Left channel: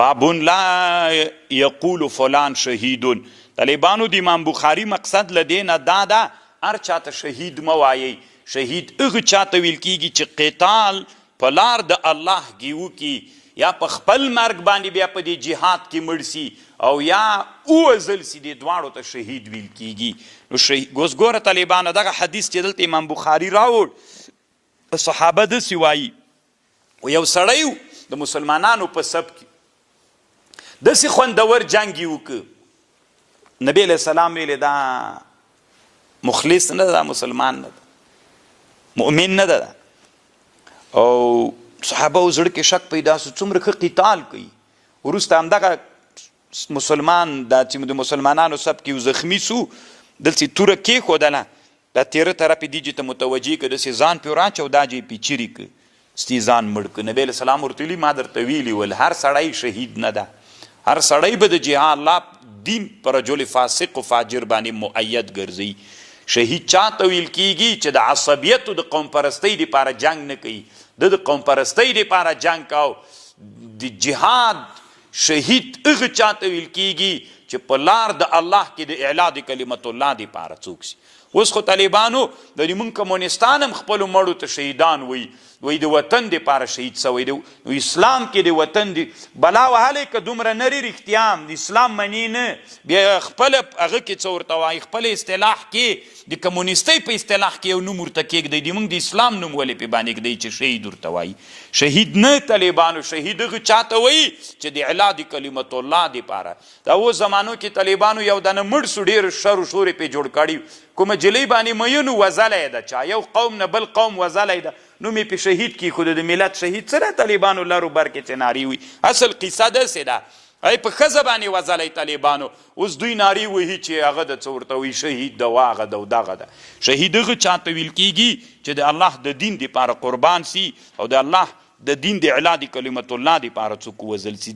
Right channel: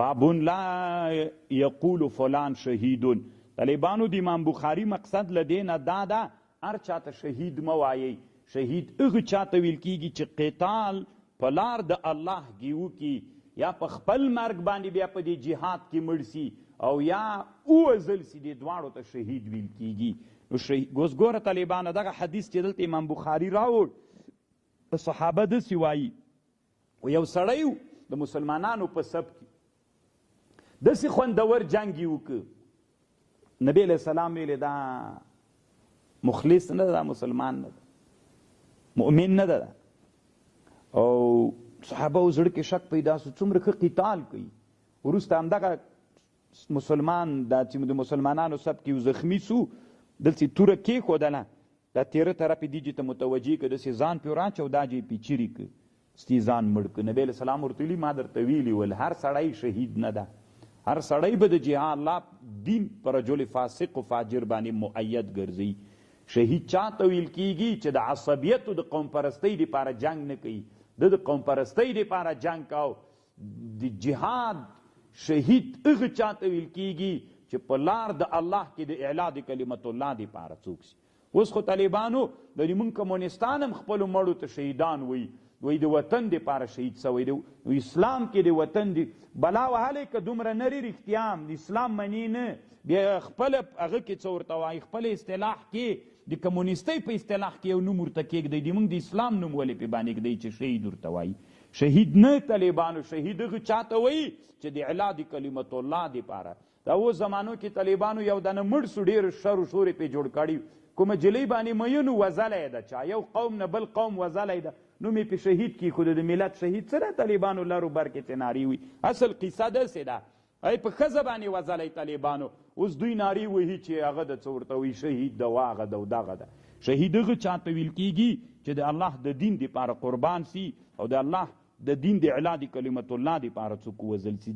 بابون لا یقول فلان شهیدون. طالبانو د امام بخاري مقصد له دې نه دا ده هر چاته شهید مه وایئ. شهید هغه چاته ویل کیږي چې قتال په لار د الله کې وکړي یا په خپل مرګ باندې بیا په دې جهاد کې مړ سي او یا ووژل سي، دې دواړو ته شهید ویل کیږي. نو اوس ګوره طالبانو دغه حدیث چې دلته امام بخاري راوړ، صحابه داسې وایي یو سړی د مسلمانانو په سب کې داسې خوندور جنګ یې وکړ، نبی علیه السلام ویلې دا مخلص نه ده، دا مسلمان نه ده، مؤمن نه ده. او صحابه و زړه کې شک پیدا سو څومره ښه قتال کوي. وروسته همدغه مسلمان دا چې د مسلمانانو سب کې زخمي سو، دلته توره کېښودله، دا تیره طرف یې دې ته متوجه کړه، داسې ځان پرې ور اچو، دا جې پې چیرې کړه، ستی ځان مړ کړه. نبی علیه السلام ورته ویلي ما درته ویلي ول هر سړی شهید نه ده، هر سړی به د جهاد الله دین پر رجل فاسق و فاجر باندې مؤید ګرځي. شهید چاته ویل کیږي چې د عصبیت او د قوم پرستۍ دپاره جنگ نه کوي، د قوم پرستۍ دپاره جنگ کاو. د جهاد شهید هغه چاته ویل کیږي چې په لار د الله کې د اعلا د کلمت الله دپاره څوک سي. اوس خو طالبانو د موږ کمونستان هم خپلو مړو ته شهیدان وایي د وطن دپاره شهید سوی دی. نو اسلام کې د وطن دی بلا وهلی که دومره نري رښتیا هم د اسلام مني نه، بیا خپله هغه کې څه ورته وایي، خپل اصطلاح کې د کمونیستۍ په اصطلاح کې یو نوم ورته کېږدئ، د موږ د اسلام نوم ولې پې باندې ږدئ چې شهید ورته وایي. شهید نه طالبانو، شهید هغه چاته وایي چې د اعلا د کلمت الله دپاره. دا اوس زمانو کې طالبانو یو دانه مړ سو، ډېر شر و شورې پې جوړ کړي، کومه جلۍ باندې میینو وزلی ده، چا یو قوم نه بل قوم وزلی ده، نوم یې پې شهید کېښوده. د ملت شهید څه ده طالبانو لرو بر کې چې نارې وي. اصل قصه داسې ده ای په ښځه باندې وزلی طالبانو، اوس دوی نارې وهي چې هغه د څه ورته وایي شهید ده، واغه ده او دغه ده. شهید هغه چاته ویل کېږي چې د الله د دین دپاره قربان سي او د الله د دین د اعلا د کلمت الله دپاره څوک ووژل سي.